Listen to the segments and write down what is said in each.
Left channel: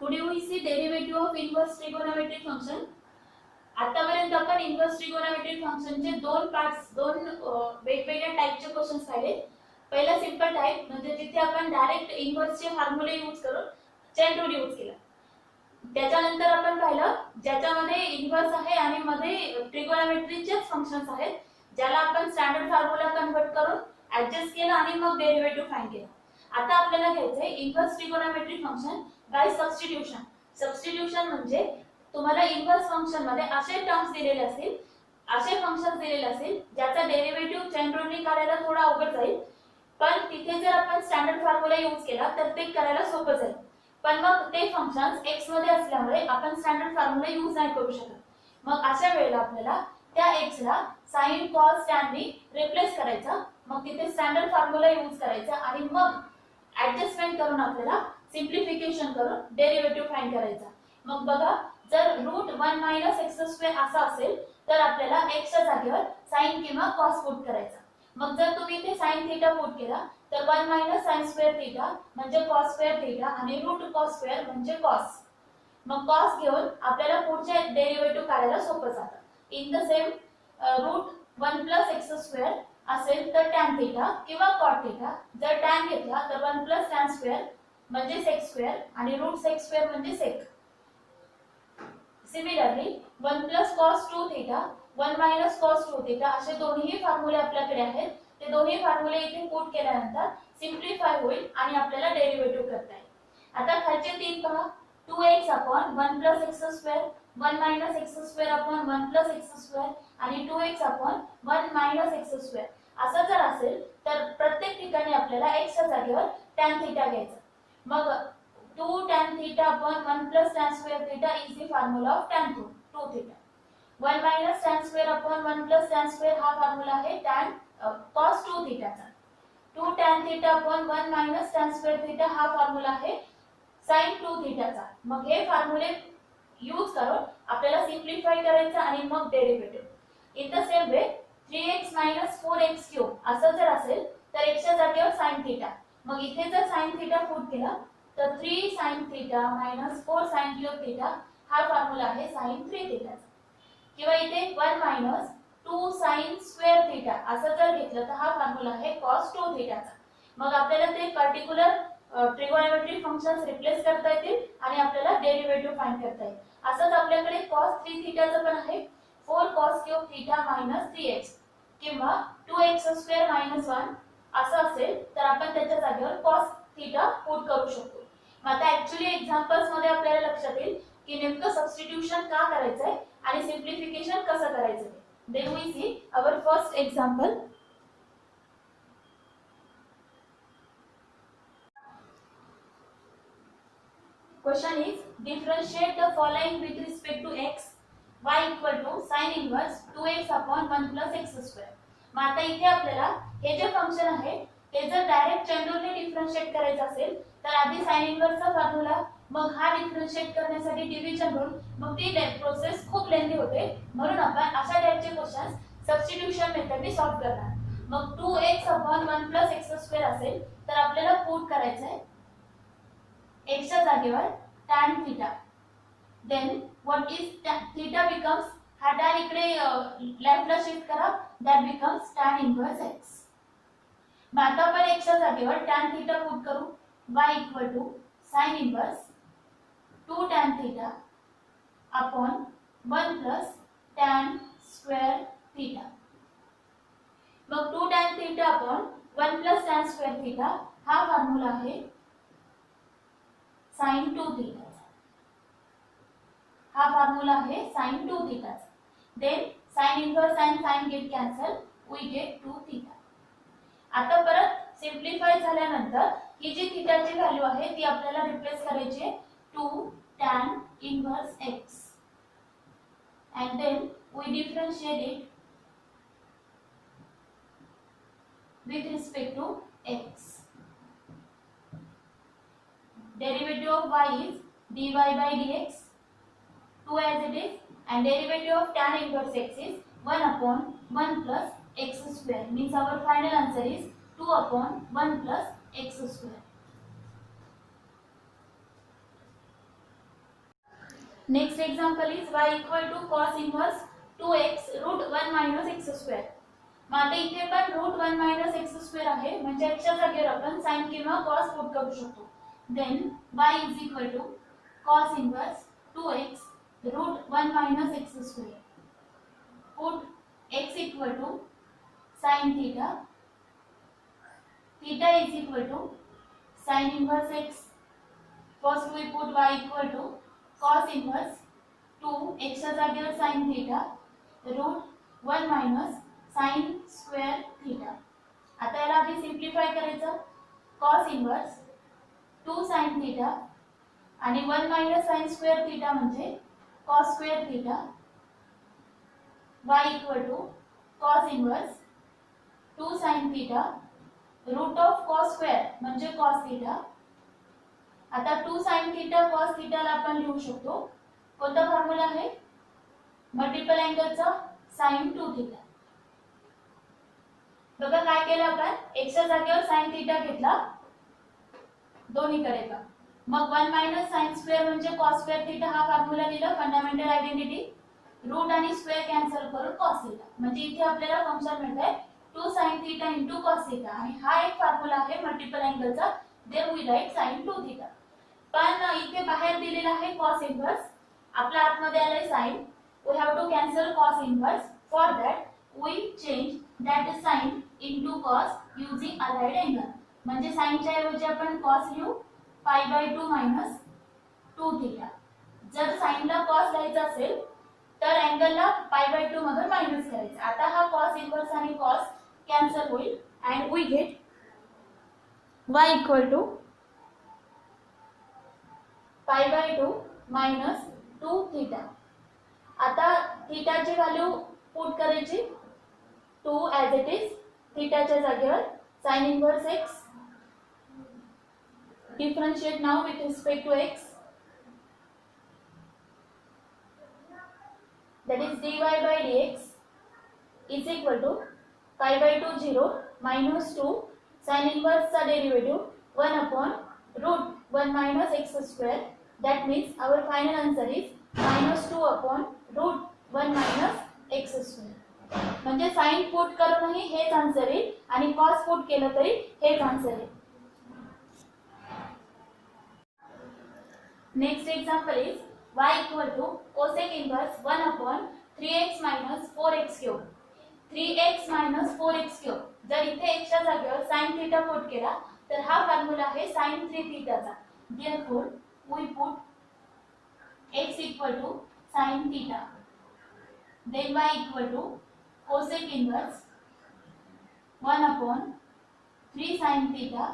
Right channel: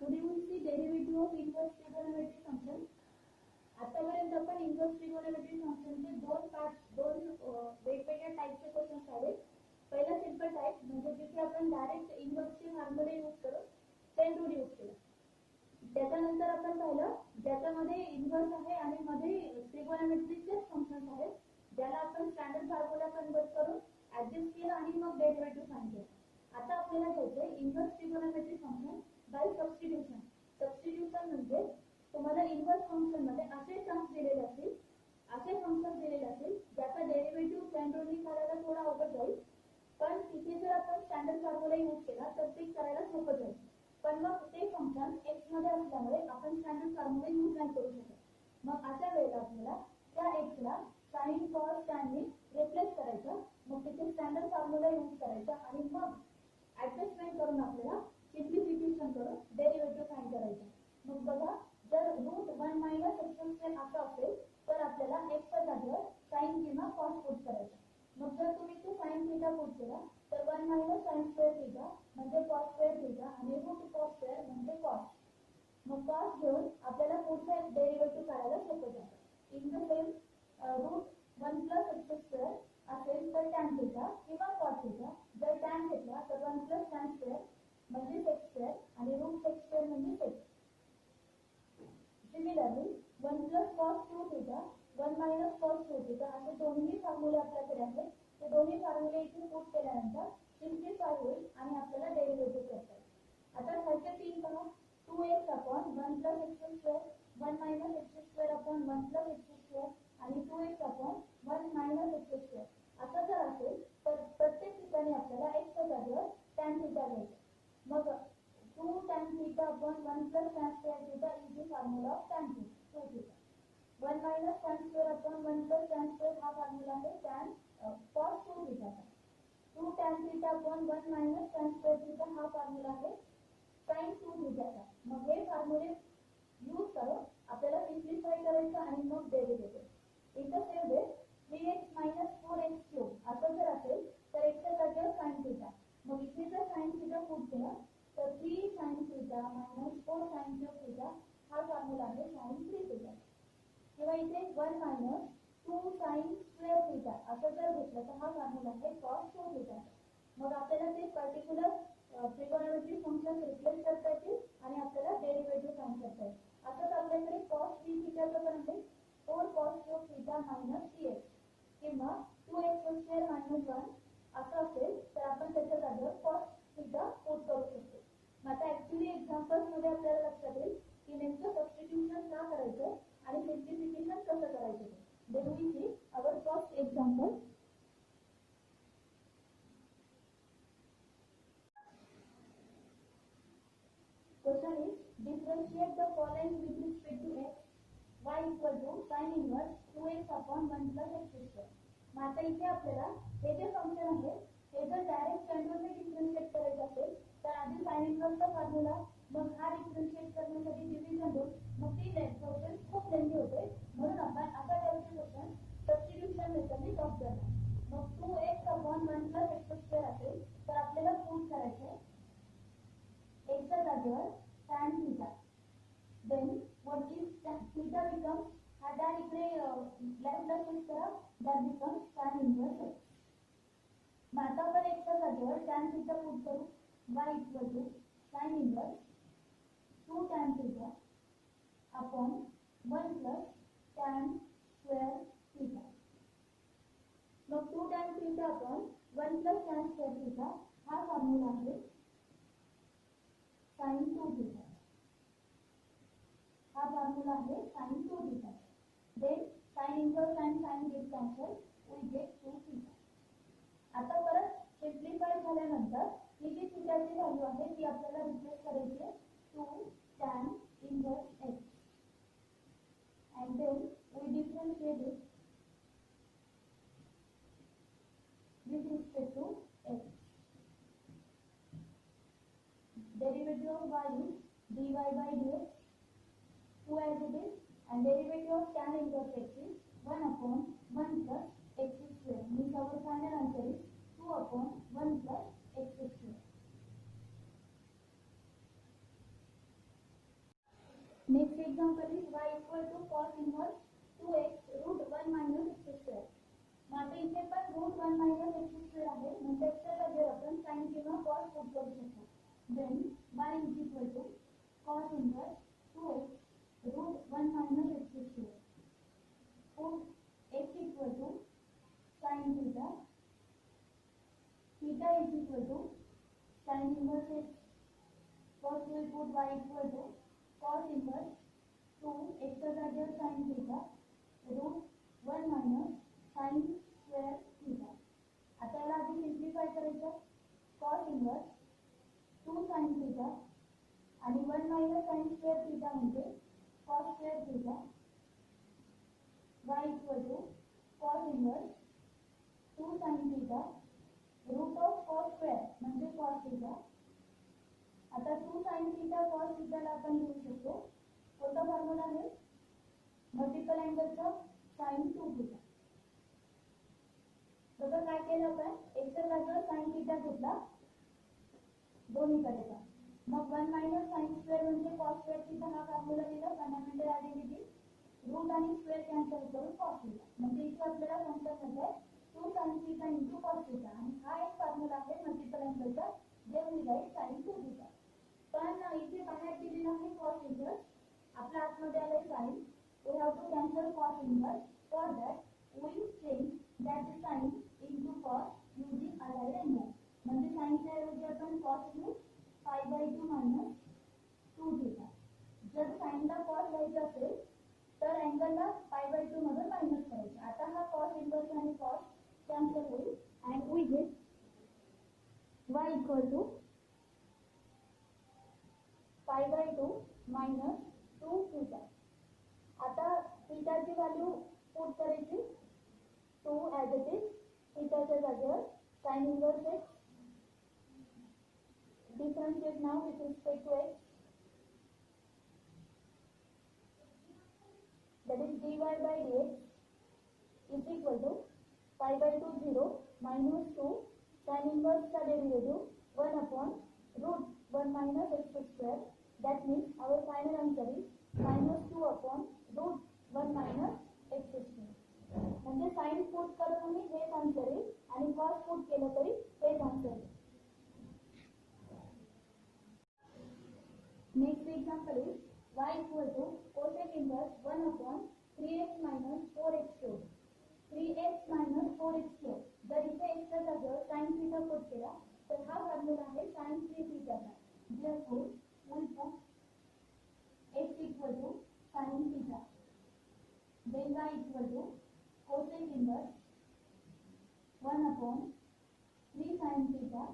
Today we see derivative of inverse trigonometric function. आतापर्यंत आपण inverse trigonometric फंक्शनचे दोन वेगवेगळ्या टाइपचे क्वेश्चन्स पाहिले. पहिला सिंपल टाइप म्हणजे जिथे आपण डायरेक्ट इनव्हर्सचे फॉर्म्युले यूज करून चेन रूल यूज केला. त्याच्यानंतर आपण पाहिलं ज्याच्यामध्ये इनव्हर्स आहे आणि मध्ये ट्रिगोनोमेट्रीचेच फंक्शन्स आहेत ज्याला आपण स्टँडर्ड फॉर्म्युला कन्वर्ट करून ऍडजस्ट केला आणि मग डेरिव्हेटिव्ह फाइंड केला. आता आपल्याला घ्यायचंय inverse trigonometric function by substitution. Substitution म्हणजे तुम्हाला इनव्हर्स फंक्शन मध्ये असे टर्म्स दिलेले असतील, असे फंक्शन्स दिलेले असतील ज्याचा डेरिव्हेटिव्ह चेन रूलने काढायला थोडा अवघड जाईल, पण तिथे जर आपण स्टँडर्ड फॉर्म्युला यूज केला तर ते करायला सोपं जाईल. पण मग ते फंक्शन्स x मध्ये असल्यामुळे आपण स्टँडर्ड फॉर्म्युला यूज नाही करू शकत. मग अशा वेळेला आपल्याला त्या x ला sin cos tan ने रिप्लेस करायचा. मग तिथे स्टँडर्ड फॉर्म्युला यूज करायचा आणि मग ऍडजस्टमेंट करून आपल्याला सिंप्लिफिकेशन करून डेरिव्हेटिव्ह फाइंड करायचा. मग बघा जर √1 - x² असा असेल तर आपल्याला x च्या जागेवर sin किंवा cos पुट करायचा. मग जर तुम्ही इथे sin थीटा पुट केला तर 1 - sin² थीटा म्हणजे cos² थीटा आणि √cos² म्हणजे cos. मग cos घेऊन आपल्याला पुढचे डेरिव्हेटिव्ह काढायला सोपं जातं. इन द सेम √1 + x² असेल तर tan थीटा किंवा cot थीटा. जर tan घेतला तर 1 + tan² म्हणजे sec² आणि √sec² म्हणजे sec. Similarly 1 + cos 2 theta 1 - cos 2 theta असे दोन्ही फॉर्म्युले आपल्याकडे आहेत. ते दोन्ही फॉर्म्युले इथे पुट केल्यानंतर सिम्प्लिफाय होईल आणि आपल्याला डेरिव्हेटिव्ह करता येईल. आता खालचे तीन पहा. 2x / 1 + x², 1 - x² / 1 + x² आणि 2x / 1 - x². असं जर असेल तर प्रत्येक ठिकाणी आपल्याला x च्या जागेवर tan थीटा घ्यायचा. मग 2 tan theta upon 1 plus tan square theta is the formula of tan 2 theta. 1 minus tan square upon 1 plus tan square हा फॉर्म्युला आहे tan cos 2 theta चा. 2 tan theta upon 1 minus tan square theta हा formula आहे sin 2 theta चा. मग हे फॉर्म्युले use करून आपल्याला सिम्प्लिफाय करायचं आणि मग derivative. In the same way 3x - 4x³ असं जर असेल तर x च्या जागेवर sin theta. मग इथे जर sin theta पुट केला तर 3 sin theta - 4 sin³ theta हा फॉर्म्युला आहे sin 3 theta. किंवा इथे 1 - 2 sin² theta असं जर घेतलं तर हा फॉर्म्युला आहे cos 2 theta चा. मग आपल्याला ते पर्टिक्युलर ट्रिगोनोमेट्रिक फंक्शन्स रिप्लेस करता येतील आणि आपल्याला डेरिव्हेटिव्ह फाइंड करता येईल. असंच आपल्याकडे cos 3 theta चं पण आहे 4 cos³ theta - 3x किंवा 2x² - 1 असं असेल तर आपण त्याच्या जागेवर cos थीटा पुट करू शकतो. मग आता ऍक्च्युअली एक्झाम्पल्स मध्ये आपल्याला लक्षात येईल की नेमकं सबस्टिट्यूशन का करायचंय आणि सिम्प्लिफिकेशन कसं करायचं ते. Then we see our first example. Question is differentiate the following with respect to x. y = sin inverse 2x upon 1 plus x². मग आता इथे आपल्याला हे जे फंक्शन आहे ते जर डायरेक्ट चेन रूलने डिफरेंशिएट करायचं असेल तर आधी sin इनवर्सचा फॉर्म्युला, मग हा डिफरेंशिएट करण्यासाठी डिव्हिजन रूल, मग ती प्रोसेस खूप लेंदी होते. म्हणून आपण अशा टाइपचे क्वेश्चन्स सबस्टिट्यूशन मेथडने सॉल्व्ह करणार. मग 2x upon 1 plus x² असेल तर आपल्याला पुट करायचं आहे x च्या जागेवर tan theta. Then what is theta becomes, हा tan इकडे लेफ्टला शिफ्ट करा, that becomes tan inverse x. मग आता आपण x च्या जागेवर tan थीटा पुट करू. y = sin inverse 2 tan theta upon 1 plus tan square theta. मग 2 tan theta upon 1 plus tan square theta हा फॉर्म्युला आहे sin 2 theta. हा फॉर्म्युला आहे sin 2 theta. Then sin inverse and sin get cancel, we get 2 theta. आता परत simplify झाल्यानंतर ही जी थीटाची value आहे ती आपल्याला रिप्लेस करायची आहे 2 tan inverse x and then we differentiate it with respect to x. Derivative of y is dy by dx 2 as it is, and derivative of tan inverse x is 1 upon 1 plus x². Means our final answer is 2 upon 1 plus x². Next example is y equal to cos inverse 2x root 1 minus x square. मग आता इथे पण route 1 minus x square आहे म्हणजे एक्सच्या जागेवर आपण sign किंवा कॉस पुट करू शकतो. Then y is equal to cos inverse 2x root 1 minus x square. Put x equal to sine theta. Theta is equal to sine inverse x. First we put y equal to cos inverse 2 x च्या जागेवर sin theta root 1 minus sin square theta. आता याला आधी simplify करायचं. cos inverse 2 sin theta आणि 1 minus sin square theta म्हणजे cos square theta. y equal to cos inverse 2 sin theta root of cos square म्हणजे cos theta. आता 2 sin theta cos थीटाला आपण लिहू शकतो. कोणता फॉर्म्युला आहे? मल्टिपल अँगलचा sin 2 थीटा. बघा काय केलं आपण, x च्या जागेवर sin थीटा घेतला दोन्हीकडे पण. मग 1 मायनस sin स्क्वेअर म्हणजे cos स्क्वेअर थीटा हा फॉर्म्युला लिहिला. Fundamental identity. रूट आणि स्क्वेअर कॅन्सल करून cos थीटा. म्हणजे इथे आपल्याला फंक्शन मिळतंय 2 sin थीटा * cos थीटा आणि हा एक फॉर्म्युला आहे मल्टिपल अँगलचा. Then we write sin 2 theta. पण इथे बाहेर दिलेला आहे cos इनवर्स. आपल्या आतमध्ये आलाय sin. We have to cancel cos inverse. For that we change that sin into cos using allied angle. म्हणजे sin च्या ऐवजी आपण cos लिहू π/2 - 2 थीटा. जर sin ला cos लिहायचं असेल तर अँगलला π/2 मधून मायनस करायचं. आता हा cos इनवर्स आणि cos कॅन्सल होईल and we get y equal to π/2 - 2 theta. आता थीटाची व्हॅल्यू पुट करायची 2 ॲज इट इज. थीटाच्या जागेवर sin inverse x. Differentiate now with respect to x. that is dy by dx is equal to π/2 0 minus 2 sin inverse चा derivative 1 upon root 1 minus x square. That means our final answer is -2 upon root 1 minus x square. म्हणजे sin put करूनही हेच answer येईल आणि cos put केलं तरी हेच answer येईल. Next example is y equal to cosec inverse 1 upon 3x minus 4x cube. 3x minus 4x cube. जर इथे x च्या जागेवर sin थीटा पुट केला तर हा फॉर्म्युला आहे sin 3 थीटाचा. Therefore we put x equal to sin theta. Then y equal to cosec inverse 1 upon 3 sin theta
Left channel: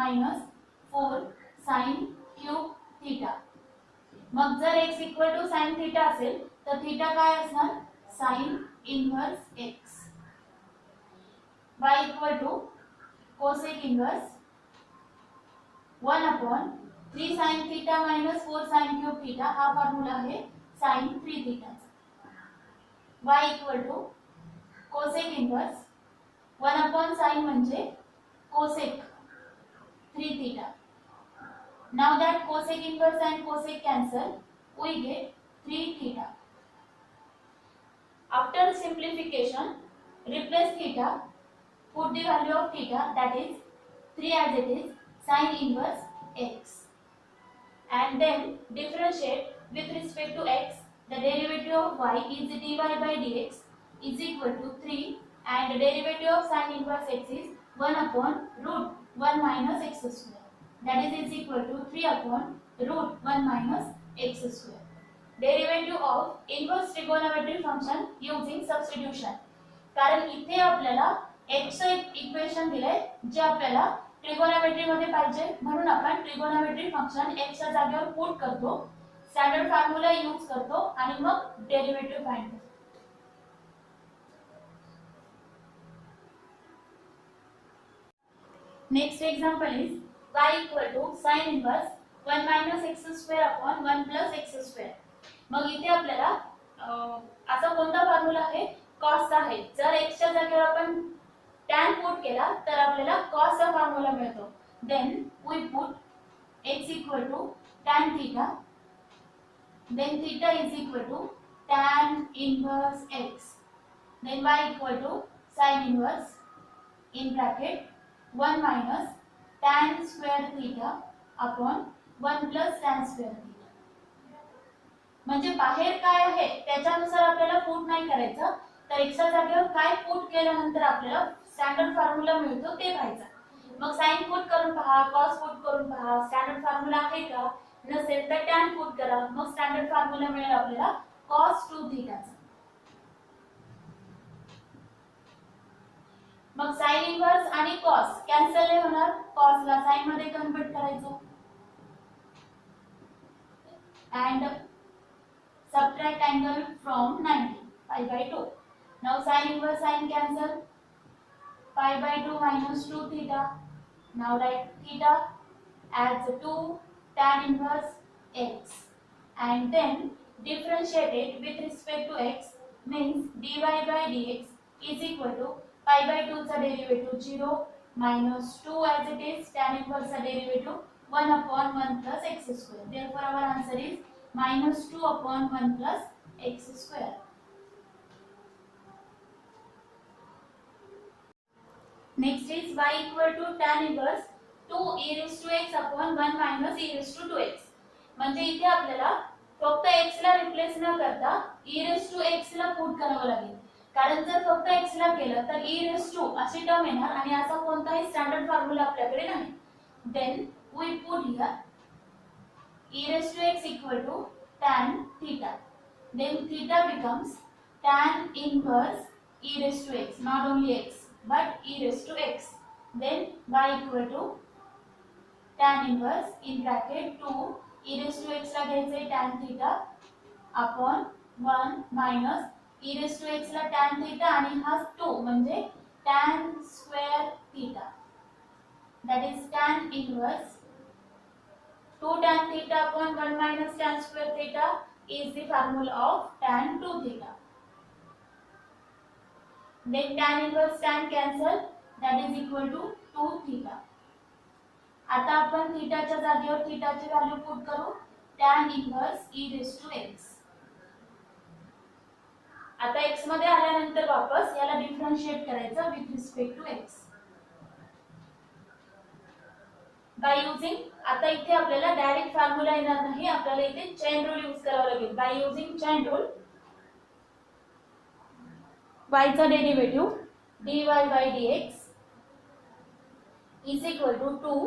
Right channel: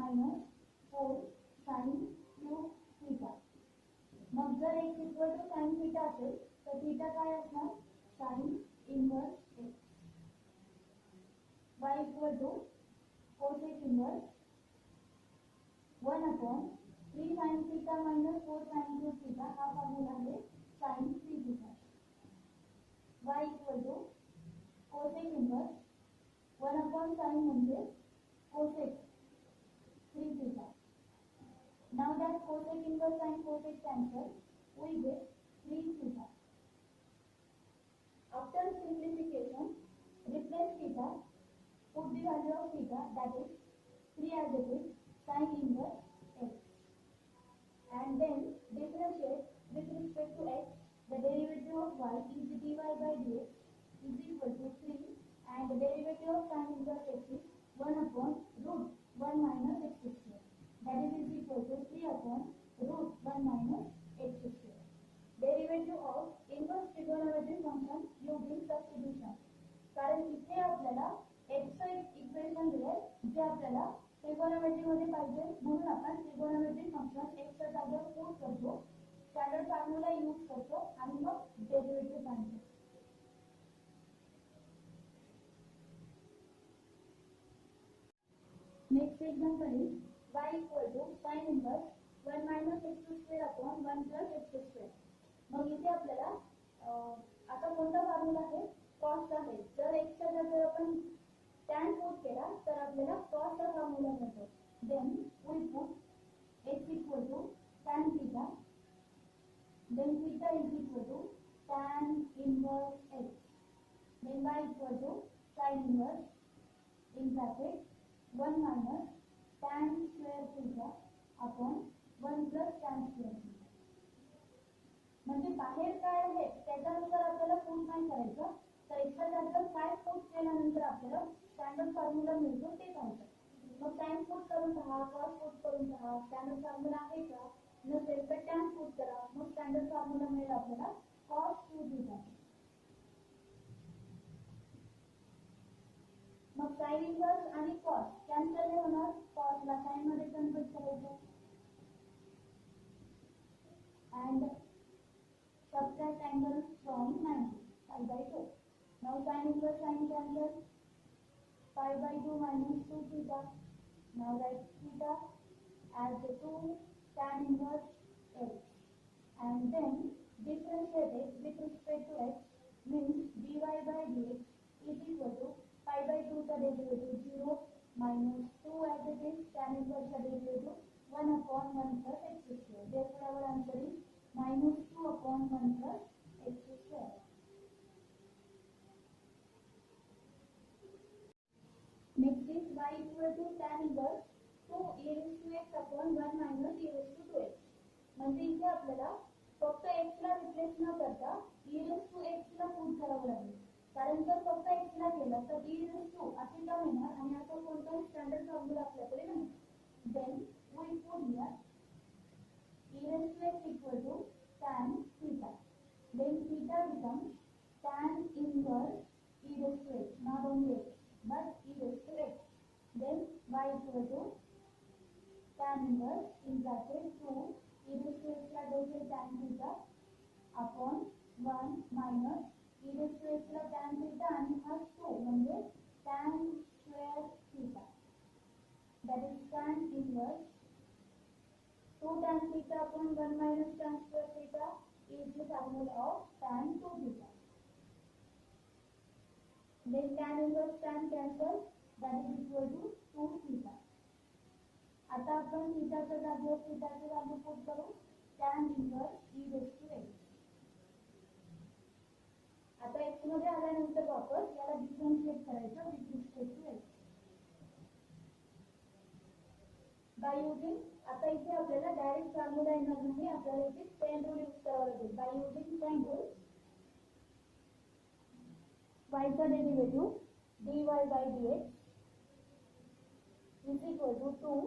minus 4 sin cube theta. मग जर x इक्वल टू sin थीटा असेल तर थीटा काय असणार? sin inverse x. y equal to cosec inverse 1 upon 3 sin theta minus 4 sin cube theta हा formula आहे sin 3 theta. y equal to cosec inverse 1 upon sin म्हणजे cosec 3 theta. Now that cosec inverse and cosec cancel, we get 3 theta. After simplification, replace theta, put the value of theta, that is 3 as it is, sin inverse x. And then differentiate with respect to x. The derivative of y is dy by dx is equal to 3 and the derivative of sin inverse x is 1 upon root 1 minus x square. That is equal to 3 upon root 1 minus x square. Derivative of inverse trigonometric function using substitution. कारण इथे आपल्याला x चे equation दिले जे आपल्याला trigonometry मध्ये पाहिजे म्हणून आपण ट्रिगोनोमेट्रिक फंक्शन x च्या जागेवर पुट करतो. स्टँडर्ड फॉर्म्युला यूज करतो आणि मग डेरिव्हेटिव्ह फाइंड करतो. Next example is y equal to sin inverse 1 minus x square upon 1 plus x square. मग इथे आपल्याला असा कोणता फॉर्म्युला आहे? cos चा आहे. जर x च्या जागेवर आपण tan पुट केला तर आपल्याला cos चा फॉर्म्युला मिळतो. Then we put x equal to tan theta then theta is equal to tan inverse x, then y equal to sin inverse in bracket 1 minus tan square theta upon 1 plus tan square theta. म्हणजे बाहेर काय आहे त्याच्यानुसार आपल्याला put नाही करायचं, तर x च्या जागेवर काय पुट केल्यानंतर आपल्याला स्टँडर्ड फॉर्म्युला मिळतो ते पाहायचं. मग साइन पुट करून पहा, कॉस पुट करून पहा, स्टँडर्ड फॉर्म्युला आहे का, नसेल तर टॅन पुट करा, मग स्टँडर्ड फॉर्म्युला मिळेल आपल्याला cos 2 थीटाचा. मग साइन इन्व्हर्स आणि कॉस कॅन्सल नाही होणार, कॉस ला साइन मध्ये कन्वर्ट करायचं and subtract angle from 90 pi by 2. Now sin inverse sin cancel, pi by 2 minus 2 theta. Now write theta as 2 tan inverse x and then differentiate it with respect to x, means dy by dx is equal to pi by 2 चा derivative 0 minus 2 as it is tan inverse चा derivative 1 upon 1 plus x square. Therefore our answer is minus 2 upon 1 plus x square. Next is y equal to tan inverse 2 e raised to x upon 1 minus e raised to 2x. म्हणजे इथे आपल्याला फक्त x ला replace न करता e raised to x ला put करावं लागेल, कारण जर फक्त x ला केलं तर e raised to अशी टर्म येणार आणि असा कोणताही स्टँडर्ड फॉर्म्युला आपल्याकडे नाही. Then we put here e raised to x equal to tan theta. Then theta becomes tan inverse e raised to x, not only x but e raised to x. Then y equal to tan inverse in bracket 2 e raised to x ला घ्यायचे tan theta upon 1 minus e raised to x ला tan theta आणि हा 2 म्हणजे tan square theta, that is tan inverse 2 tan theta upon 1 minus tan square theta is the formula of tan 2 theta. Then tan inverse tan cancel, that is equal to 2 theta. आता आपण थीटाच्या जागेवर थीटाची value put करू, tan inverse e raised to x. आता x मध्ये आल्यानंतर वापस याला differentiate करायचं with respect to x by using, आता इथे आपल्याला डायरेक्ट फॉर्म्युला येणार नाही, आपल्याला इथे चेन रूल यूज करावा लागेल. By using chain rule y चा derivative dy by dx is equal to 2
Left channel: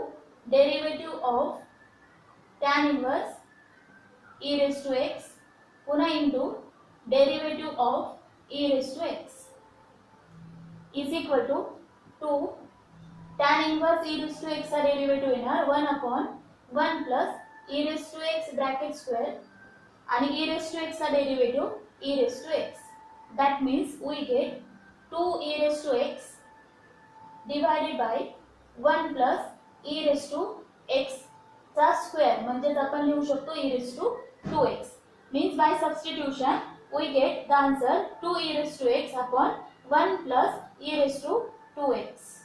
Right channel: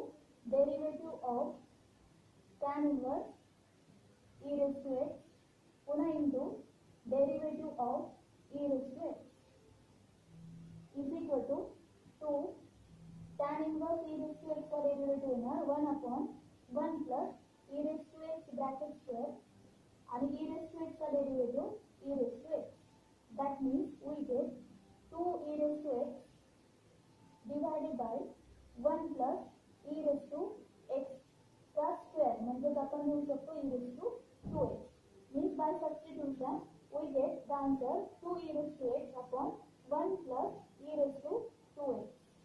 derivative of tan inverse e raised to x पुन्हा into derivative of e raised to x is equal to 2 tan inverse e raised to x चा derivative येणार 1 upon 1 plus e raised to x bracket square आणि e raised to x चा derivative e raised to x. That means we get 2 e raised to x divided by 1 plus e raised to x चा square, म्हणजे आपण लिहू शकतो e raised to 2x. Means by substitution we get the answer 2 e raised to x upon 1 plus e raised to 2x.